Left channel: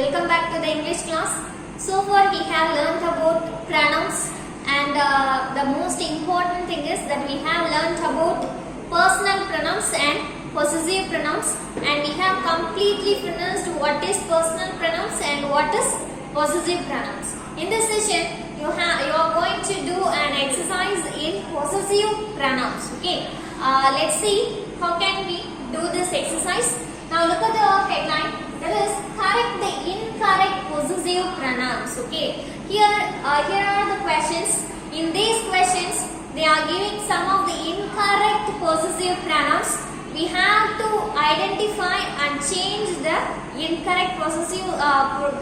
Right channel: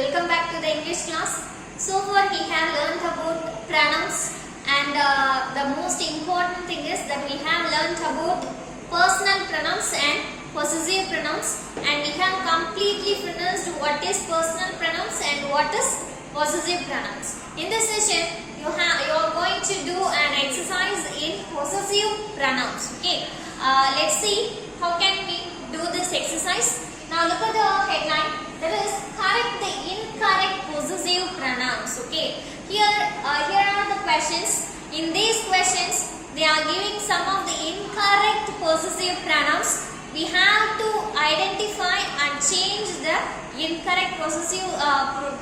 Welcome back to the English class. So far we have learnt about pronouns and the most important thing is that we have learnt about personal pronouns and possessive pronouns, and we have completely finished what is personal pronouns and what is possessive pronouns. In this session you are going to do an exercise in possessive pronouns. Okay, let's see how can we do this exercise. Now look at the headline. There is correct the incorrect possessive pronouns. Okay, here are the questions. In these questions they are giving some of the incorrect possessive pronouns. We have to identify and change the incorrect possessive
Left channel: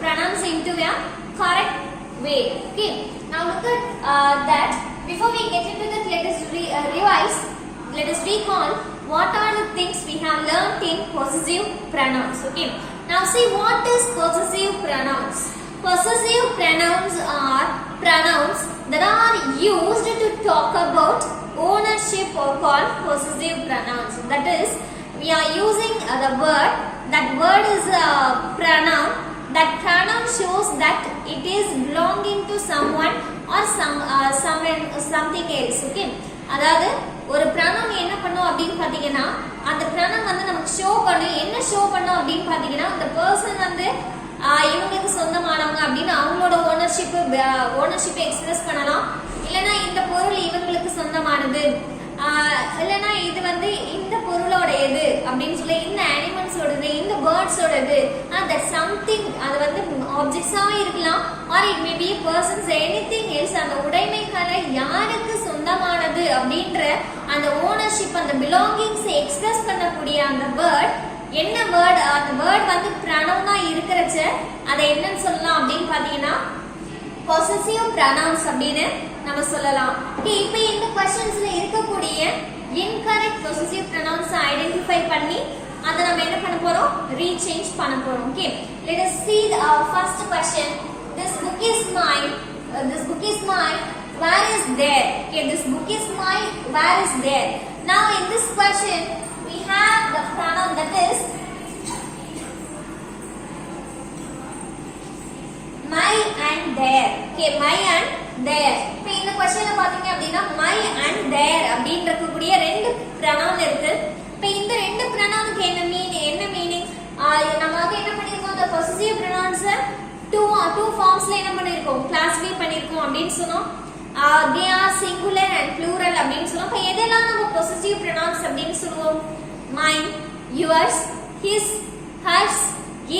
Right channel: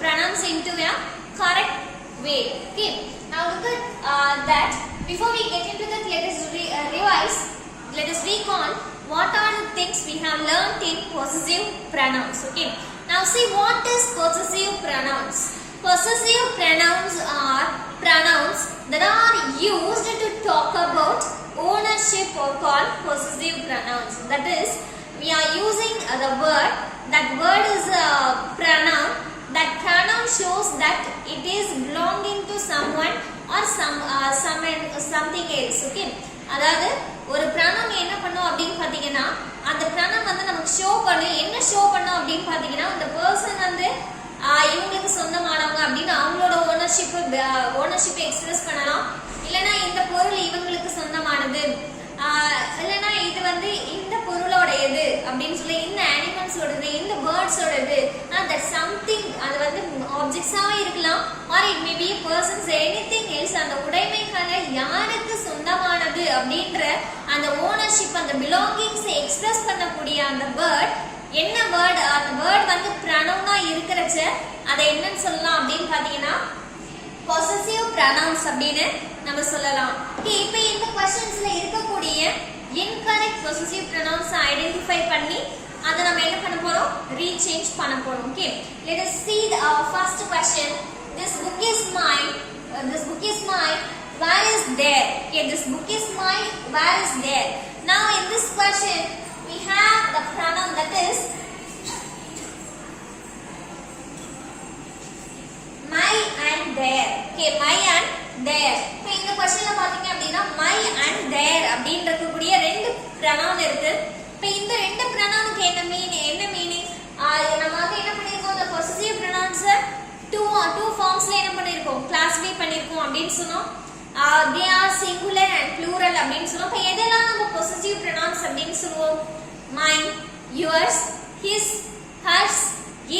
pronouns into a correct way. Okay, now look at that. Before we get into that, let us revise. Let us recall what are the things we have learned in possessive pronouns. Okay, now see what is possessive pronouns. Possessive pronouns are pronouns that are used to talk about ownership or called possessive pronouns. That is, we are using the word. That word is a pronoun. That pronoun shows that it is belonging to someone or something else. Okay, அதாவது ஒரு pronoun என்ன பண்ணும் அப்படினு பாத்தீங்கன்னா, அந்த pronoun வந்து நமக்கு show பண்ணும். என்ன ஷோ பண்ணும் அப்படினு பாத்தீங்கன்னா, அந்த பர்சன் வந்து இவங்களுக்கு சொந்தமானவங்க அப்படினு அவங்களோட ஓனர்ஷிப் எக்ஸ்பிரஸ் பண்ணலாம். இல்லனா இந்த பொருள் இவங்களுக்கு சொந்தமானது, இல்லனா இது வந்து இந்த பொருளோடது அப்படினு சொல்லி, இந்த அனிமல்ஸோடது, இந்த பேர்ட்ஸோடது, that something அது வந்து ஆப்ஜெக்ட்ஸாவே இருக்கலாம், or it may be a person's anything else. அந்த உடைமைகளை யாருக்கு சொந்தமானது அப்படின்ற அந்த ஓனர்ஷிப், அந்த பிலாங்கிங்ஸ் எக்ஸ்பிரஸ் பண்ணக்கூடிய அந்த வேர்ட் என்ன வேர்ட், அந்த வேர்ட் வந்து ப்ரனவுனா இருக்கிறச்ச அதை என்னன்னு சொல்லலாம் அப்படின்னு பாத்தீங்கன்னா possessive pronouns அப்படின்னு நம்ம சொல்லலாம். இப்போ இந்த क्वेश्चंसல இருக்கக்கூடிய incorrect possessive pronouns ஐடென்டிஃபை பண்ணி அதை நம்ம என்ன பண்ண போறோம், ரீசேஞ்ச் பண்ண போறோம். Okay, let us see the first question. This book is mine. This book is mine. Where is there? Okay, this book is mine. Where is there? Now in this question we have the pronoun that is my and their. Okay, my and their. இப்போ இந்த क्वेश्चनல பாத்தீங்க அப்படினா my and their அப்படின்ற கூடிய ரெண்டு pronoun இருக்கு. இப்போ இந்த ரெண்டு pronounக்கு என்ன மீனிங், நமக்கு என்ன பண்ணிருக்கோம், the possessive pronouns two forms-ல என்ன பண்ணிருக்கோம், classify பண்ணிருக்கோம் அப்படினு சொன்னோம். They are singular and plural அப்படினு சொன்னோம். இப்போ எதெல்லாம் நம்ம possessive pronouns அப்படினு சொல்லுவோம், mine, yours, his, hers,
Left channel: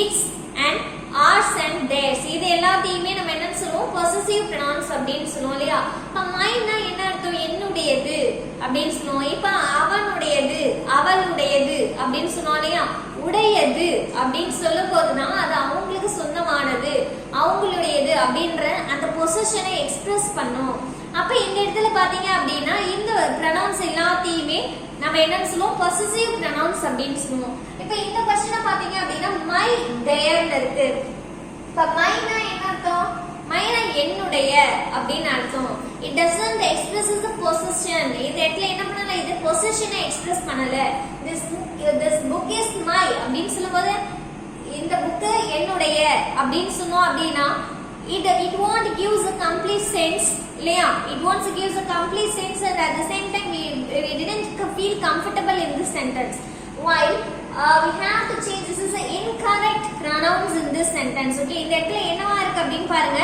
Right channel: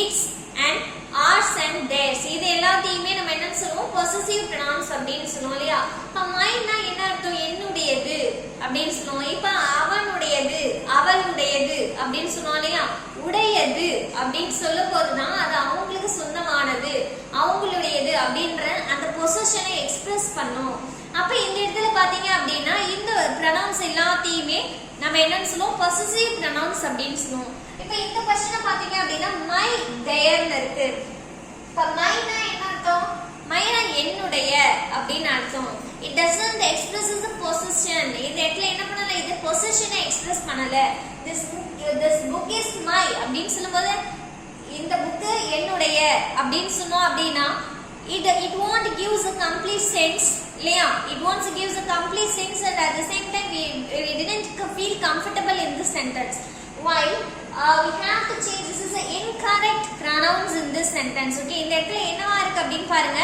its and ours and theirs. இது எல்லாத்தையுமே நம்ம என்ன சொல்லுவோம், possessive pronouns அப்படினு சொல்லுவோம் இல்லையா. இப்ப mineனா என்ன அர்த்தம், என்னுடையது அப்படினு சொல்லுவோம். இப்ப அவனுடையது, அவளுடையது அப்படினு சொல்லுவோம் இல்லையா. உடையது அப்படின்னு சொல்லும் போதுதான் அது அவங்களுக்கு சொந்தமானது, அவங்களுடையது அப்படின்ற அந்த பொசிஷனை எக்ஸ்பிரஸ் பண்ணும். அப்ப இந்த இடத்துல பாத்தீங்க அப்படின்னா இந்த pronouns எல்லாத்தையுமே நம்ம என்னன்னு சொல்லுவோம், possessive pronouns அப்படின்னு சொல்லுவோம். இப்ப இந்த क्वेश्चन பாத்தீங்க அப்படின்னா my their இருக்கு. இப்ப myனா என்ன அர்த்தம், myனா என்னுடைய அப்படின்னு அர்த்தம். it doesn't express the possession. இந்த இடத்துல என்ன பண்ணல, இது பொசிஷனை எக்ஸ்பிரஸ் பண்ணல. this book is my அப்படின்னு சொல்லும்போது இந்த புக் என்னுடைய அப்படின்னு சொன்னோம் அப்படின்னா it won't gives a complete sense இல்லையா. it won't gives a complete sense and at the same time we didn't feel comfortable in this sentence. While we have to change, this is the incorrect pronouns in this sentence. Okay, இந்த இடத்துல என்னவா இருக்கு அப்படின்னு பாருங்க,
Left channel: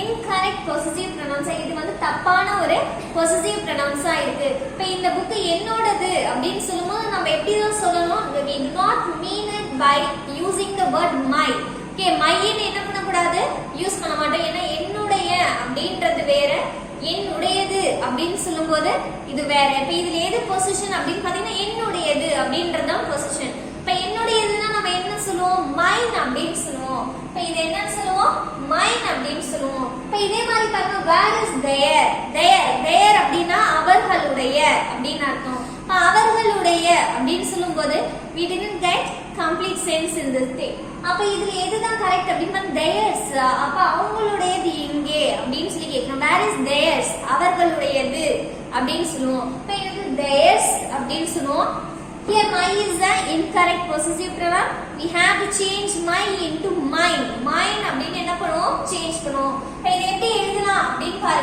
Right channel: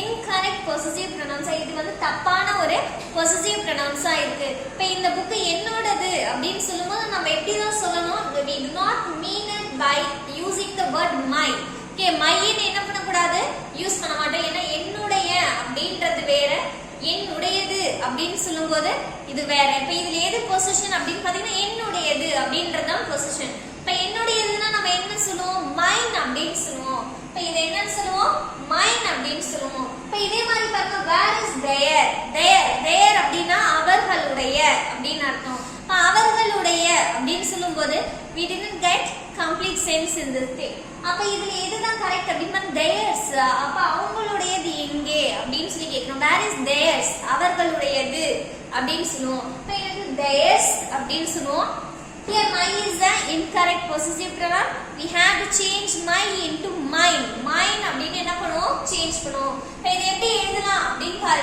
incorrect possessive pronouns. இது வந்து தப்பான ஒரு possessive pronouns ஆ இருக்கு. இப்போ இந்த புக் என்னோடது அப்படின்னு சொல்லும்போது நம்ம எப்படி தான் சொல்லணும், we do not mean it by using the word my. Okay, my ன்னு என்ன பண்ணக்கூடாது, யூஸ் பண்ண மாட்டோம். ஏன்னா என்னுடைய அப்படின்றது வேற, என்னுடையது அப்படின்னு சொல்லும்போது இது வேற. இப்ப இதுல எது பொசிஷன் அப்படின்னு பாத்தீங்கன்னா என்னுடையது அப்படின்றதுதான் பொசிஷன். இப்ப என்னுடையதுன்னா நம்ம என்ன சொல்லுவோம், மைன் அப்படின்னு சொல்லுவோம். இப்ப இது என்னன்னு சொல்லுவோம், மைன் அப்படின்னு சொல்லுவோம். இப்ப இதே மாதிரி பாருங்க, வேர் இஸ் தேர், தேர் அப்படின்னா அவர்களுடைய அப்படின்னு அர்த்தம். அவர்களுடைய அப்படின்னு சொல்லும்போது we didn't get complete sense in this thing. அப்ப இதுல எதுதான் கரெக்ட் அப்படின்னா theirs. அப்ப அவங்களுடையது எங்கே அப்படின்னு சொல்லி கேட்கணும். where is theirs, அவர்களுடையது அப்படின்னு சொல்லுவோம். இப்ப எனக்கு theirs அப்படின்னு சொல்லுவோம். Here my is the incorrect possessive pronoun. We have to change my into mine. My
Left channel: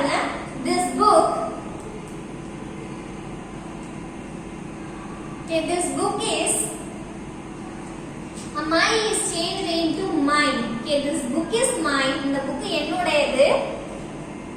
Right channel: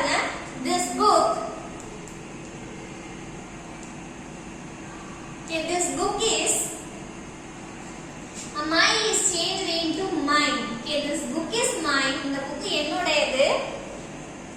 பாருங்க this book this book is mine is changed into mine. This book is mine. இந்த book என்னோடது.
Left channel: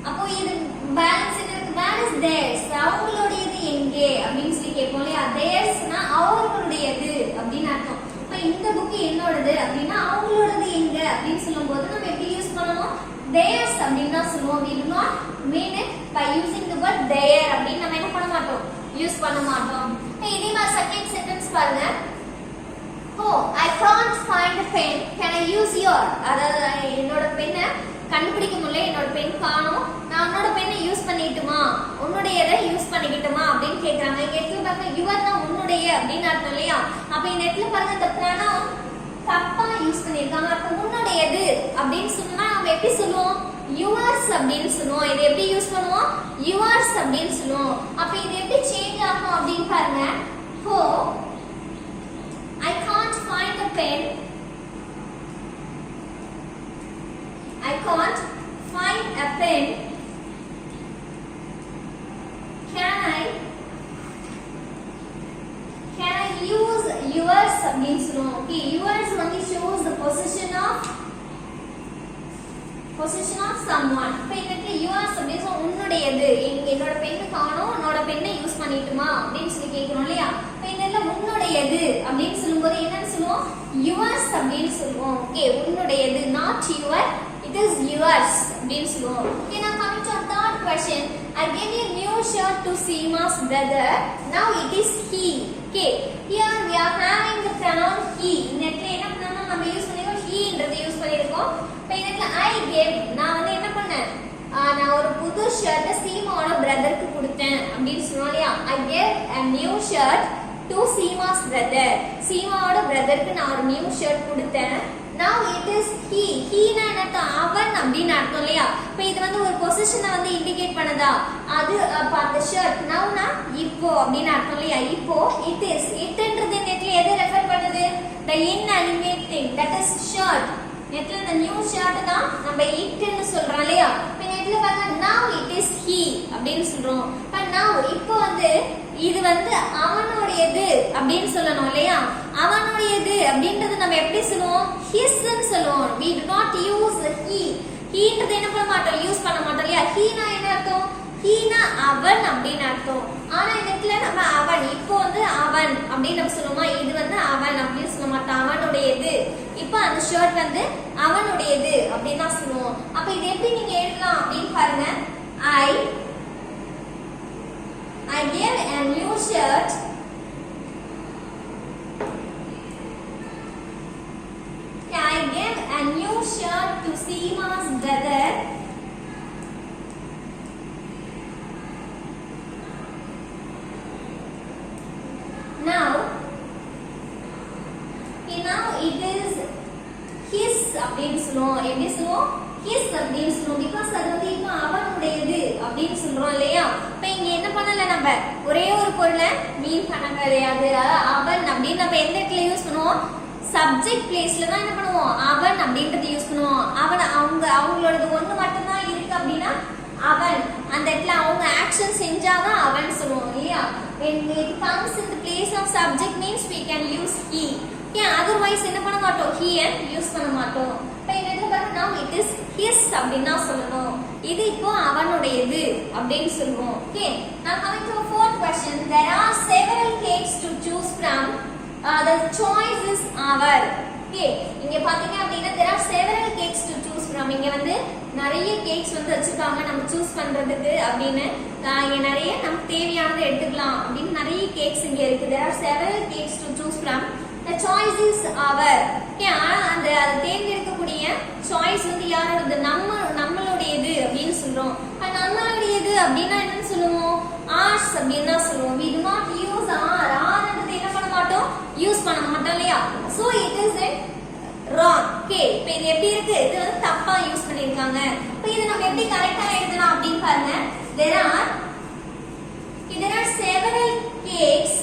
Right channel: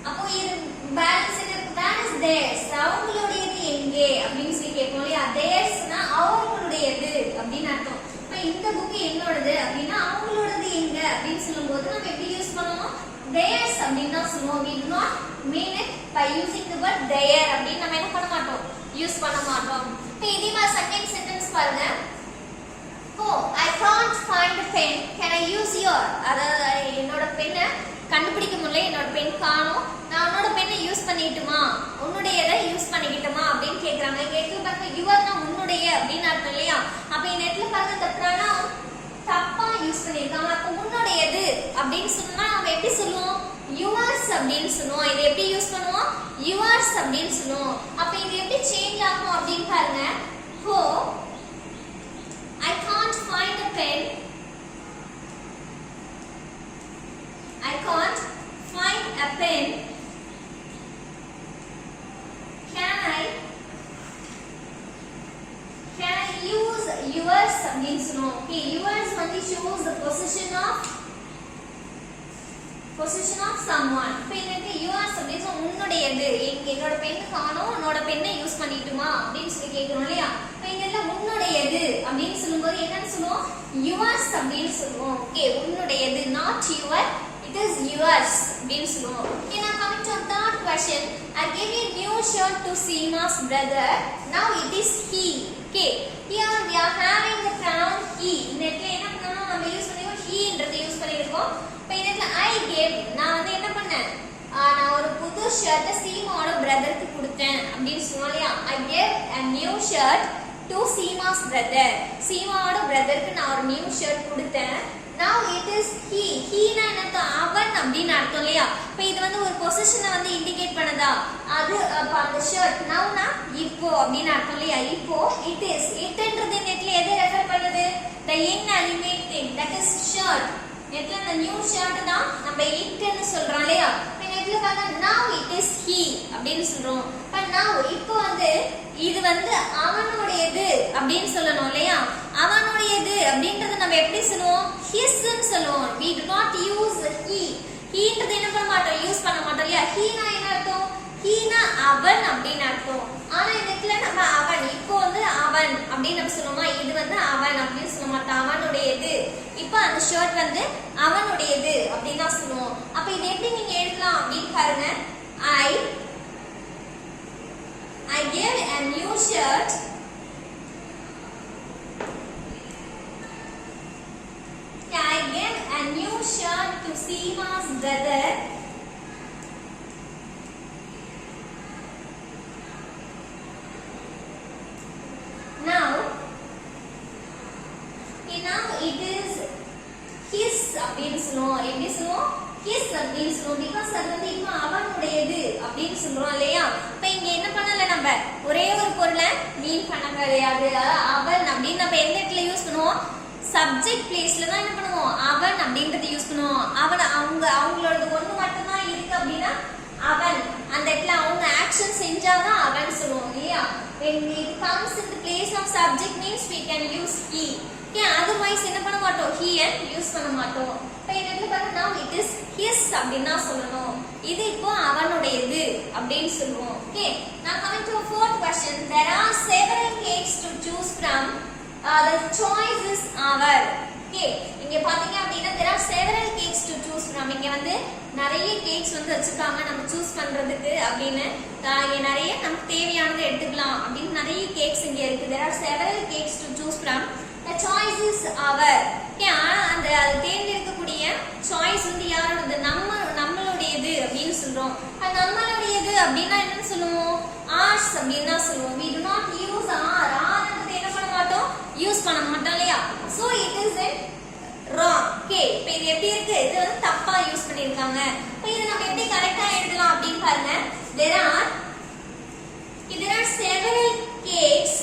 அப்போ இது balance இருக்கு. where is theirs? அவங்களுடையது எங்கே அப்படினு சொல்லி கேட்போம் இல்லையா? theirsனா அவங்களுடையது அப்படினு அர்த்தம். இப்போ இந்த புக் என்னோடது அப்படினா அவங்களோடது எங்க அப்படினு சொல்லும்போது நம்ம எப்படி யூஸ் பண்ணுவோம்? theirs அப்படினு தான் சொல்லுவோம். we do not mean it by using the word their அப்படினு நம்ம என்ன பண்ண மாட்டோம்? யூஸ் பண்ண மாட்டோம். இப்போ இதே மாதிரி செகண்ட் சென்டென்ஸ் பாருங்க. Oh, I can't find a pen. Can I use your? அதாவது என்னோட பென்னை கண்டுபிடிக்க முடியல, என்னோட பென் காணோம், நான் உன்னோட பென்னை யூஸ் பண்ணிட்டுமா, உன்னுடையதை யூஸ் பண்ணிக்கிட்டுமா அப்படின்னு கேட்கறாங்க. கேட்க பாருங்க யுவர்னா உன்னுடைய அப்படின்னு அர்த்தம் இல்லையா? அப்ப இந்த இடத்துல பாருங்க இந்த pronoun தப்பா யூஸ் பண்ணிருக்காங்க. அப்ப உன்னுடையது அப்படின்னு சொன்னா நம்ம எப்படி சொல்லுவோம்? yours அப்படின்னு சொல்லுவோம். இது எப்படி யூஸ் பண்ணுவோம்? yours அப்படின்னு சொல்லுவோம். அப்ப இது எப்படி சேஞ்ச் ஆகும் அப்படின்னு பாருங்க. Oh, I can't find a pen. I can't find a pen. Can I use yours அப்படின்னு சொல்லுவோம். Okay, yours only shows the possession of someone. இப்போ இந்த yours அப்படினா உன்னுடையது. என்னோட பென் காணோம், உன்னோட பென்னை யூஸ் பண்ணிட்டுமா அப்படின்னு சொல்லி கேக்குறோம் இல்லையா? இப்போ இந்த உன்னுடையது அப்படின்னு சொல்லும்போது என்னன்னு சொல்லுவோம்? yours அப்படின்னு சொல்லுவோம். Okay, உன்னுடையது, not your, it is yours அப்படின்னு சொல்லுவோம். Okay, now coming to third question. I gave a new shirt to Seema's brother. Now it is he. Okay, here we are having the pronoun he. இந்த இடத்துல என்ன பண்ணனும்? நம்ம use பண்ணிருக்கோம் he ன்றதை use பண்ணிருக்கோம். இப்போ இந்த இடத்துல I gave, நான் வந்து என்ன பண்ணேன்? நான் ஒரு புது ஷர்ட் சீமாவோட பிரதருக்கு கொடுத்தேன் அப்படின்னு சொல்றோம் இல்லையா? I gave a new shirt to Seema's brother. சீமாவோட பிரதருக்கு நான் ஒரு நியூ ஷர்ட் கொடுத்தேன். Now it is he. He னா என்ன? அவன் அப்படின்னு அர்த்தம் இல்லையா? இப்போ இது வந்து ஒரு பொசிஷனை வந்து இண்டிகேட் பண்ணுதா? அது அப்ப அந்த ஷர்ட் நவுனா இப்போ அப்படின்னு அர்த்தம் இல்லையா? இப்போ it is. itன்றது நெட்ல எதை ரெஃபர் பண்ணுது? the inanimate thing, that is shirt. நெட்ல the new shirt தான் நம்ம itன்னு சொல்றோம் இல்லையா? இப்போ நெட்ல பாருங்க now it is he அப்படின்னு சொல்றோம். இப்போ now இப்போ வந்து இது வந்து அவனுடையது அப்படின்னு சொல்லணும் இல்லையா? அவனுடையது அப்படின்றது நம்ம எப்படி சொல்லுவோம்? his ன்னு சொல்லுவோம். we do not use the he. he ன்றது என்ன பண்ண மாட்டோம்? யூஸ் பண்ண மாட்டோம் இல்லையா? he னா என்ன அர்த்தம்? he னா அவன் அப்படின்னு அர்த்தம். ஆனா இந்த இடத்துல நம்ம அவன், இப்போ வந்து அவன் அப்படின்னு நம்ம சொல்லுவோமா? இது வந்து அவன் அப்படின்னு சொல்ல மாட்டோம், அவனுடையது. இப்போ அந்த ஷர்ட் வந்து அவனுடையது அப்படின்னு தான் சொல்லுவோம். அப்ப இது எப்படி நீங்க எழுதலாம் அப்படின்னு பாருங்க. I gave a new shirt to Seema's brother. Now it is his அப்படின்னு சொல்லுவோம். எப்படி சொல்லுவோம்? his அப்படின்னு சொல்லுவோம். because அது வந்து இப்போ அவனுடையது அப்படின்னு சொல்றோம் இல்லையா? இப்போ இங்க என்ன பண்ணல, நம்ம ஒரே ஒரு பொருளை மீன் பண்ண கிடையாது. அவன் அப்படின்னு நம்ம எந்த இடத்துல யூஸ் பண்ணுவோம்? சப்ஜெக்ட் பிளேஸ்ல தான் என்ன பண்ணுவோம்? அவன் அப்படின்றத யூஸ் பண்ணுவோம். அவன் அவங்களோட ஒண்ணு மட்டும் தான் இருக்கு அப்படின்னா அவன், அந்த இடத்துல அவங்க ஆக்ஷன் செஞ்சாதான் அவன் சொல்லுவோம் இல்லையா? when it comes in the place of subject means we can use he. Okay, otherwise என்ன பண்ண மாட்டோம்? he and யூஸ் பண்ண மாட்டோம். இப்போ இந்த இடத்துல பாருங்க now it is his அப்படினா சொல்லணும். இது இப்போ அவனுடையது அப்படின்னு சொல்லுவோம். Okay, now coming to a fourth question. There are several cakes to choose from. The choice is our. Okay, இங்க பாத்தீங்க அப்படினா there are several cakes to choose from. இங்க வந்து நிறைய கேக்ஸ் வந்து வச்சிருக்காங்க நம்ம சூஸ் பண்றதுக்கு அப்படின்னு. இங்க நிறைய நமக்கு தேவையானதை எடுத்துக்கலாம் அப்படின்னு நிறைய கேக்ஸ் இங்க இருக்கு. There are several cakes to choose from. The choice is our. Okay, அந்த தேர்ந்தெடுக்கக்கூடிய சாய்ஸ் வந்து யாரோடது? நம்மளுடையது அப்படின்னு சொல்றோம். நம்மளுடையது அப்படின்னா என்ன சொல்லுவோம்? ours அப்படின்னு தான் சொல்லுவோம். we do not use ன்றது என்ன பண்ண மாட்டோம்? யூஸ் பண்ண மாட்டோம் இல்லையா? so it is wrong. Okay, இப்போ இது எப்படி இருக்கு? இது வந்து தப்பா யூஸ் பண்ணிருக்காங்க. இப்போ இத நம்ம எப்படி கரெக்ட்டா எழுதலாம் அப்படின்னு பாருங்க. there are several cakes.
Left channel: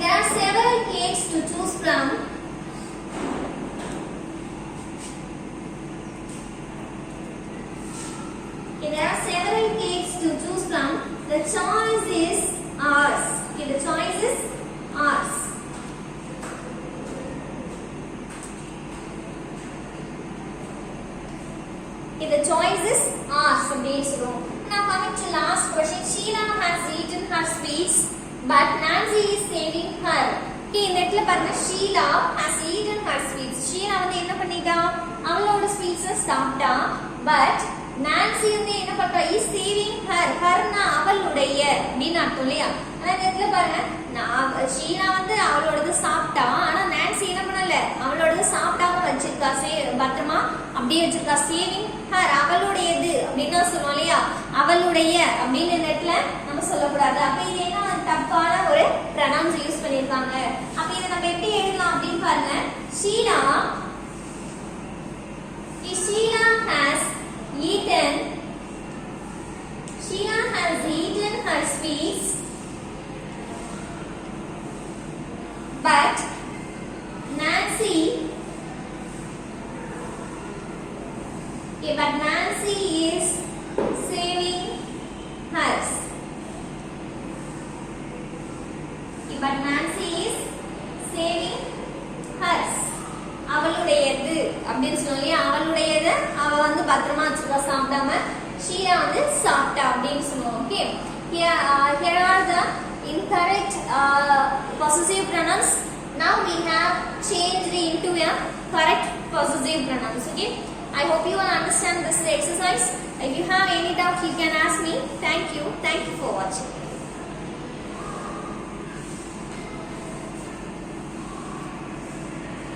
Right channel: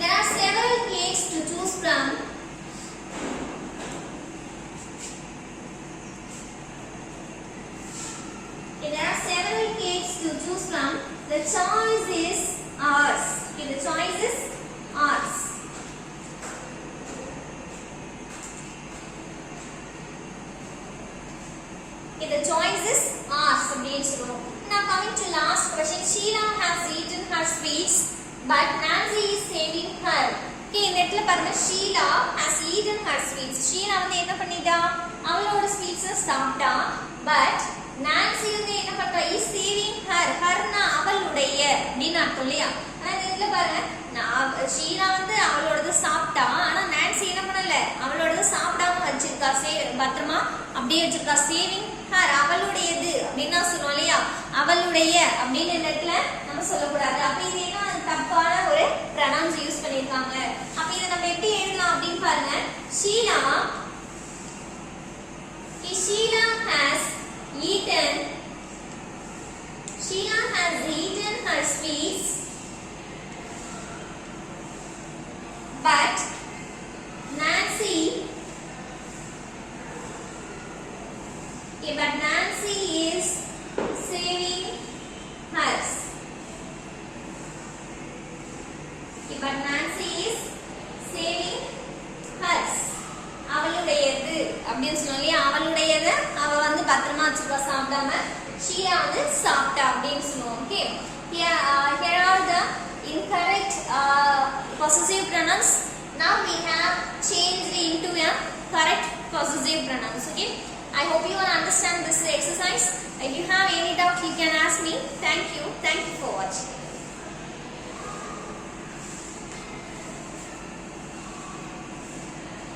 There are several cakes to choose from. The choice is ours. Okay, the choice is ours. Okay, the choice is ours. Now coming to last question. Sheila has eaten her sweets, but Nancy is saving her. Okay, இந்த இடத்துல பாருங்க Sheila has eaten her sweets. Sheila வந்து என்ன பண்ணிட்டா? அவளோட sweets சாப்பிட்டா. But Nancy வந்து என்ன பண்றா? is saving her. herனா அவளுடைய அப்படினு அர்த்தம் இல்லையா? ஆனா இந்த இடத்துல பாருங்க Sheila வந்து அவளோடது சாப்பிட்டா. ஆனா Nancy என்ன பண்ணல? அவளோடது சாப்பிடாம வச்சிருக்கா. பத்திரமா அப்படியே வச்சிருக்கா. saving her அவளுடையது அப்படினா சொல்றோம் இல்லையா? அவளுடைய அப்படின இடத்துல நம்ம சொல்லக்கூடாது. அப்ப இது என்ன தப்பான ஒரு pronouns யூஸ் பண்ணிருக்காங்க. அப்ப இத நம்ம எப்படி எழுதலாம் அப்படினு பாருங்க. Sheila has eaten her sweets, but Nancy is saving hers. But Nancy is saving hers. அவளுடையது அப்படின்னு சொல்லி அவளுடையது அவ வந்து பத்திரமா வச்சுக்கா சாப்பிடாம ஷீலா வந்து சாப்பிட்டா அப்படின்னு சொல்லுவோம். Okay, here are the incorrect possessive pronouns. Now we have changed into a correct possessive pronouns. Okay, I hope you will understand this exercise. If you have any doubt, you can ask me. Thank you for watching.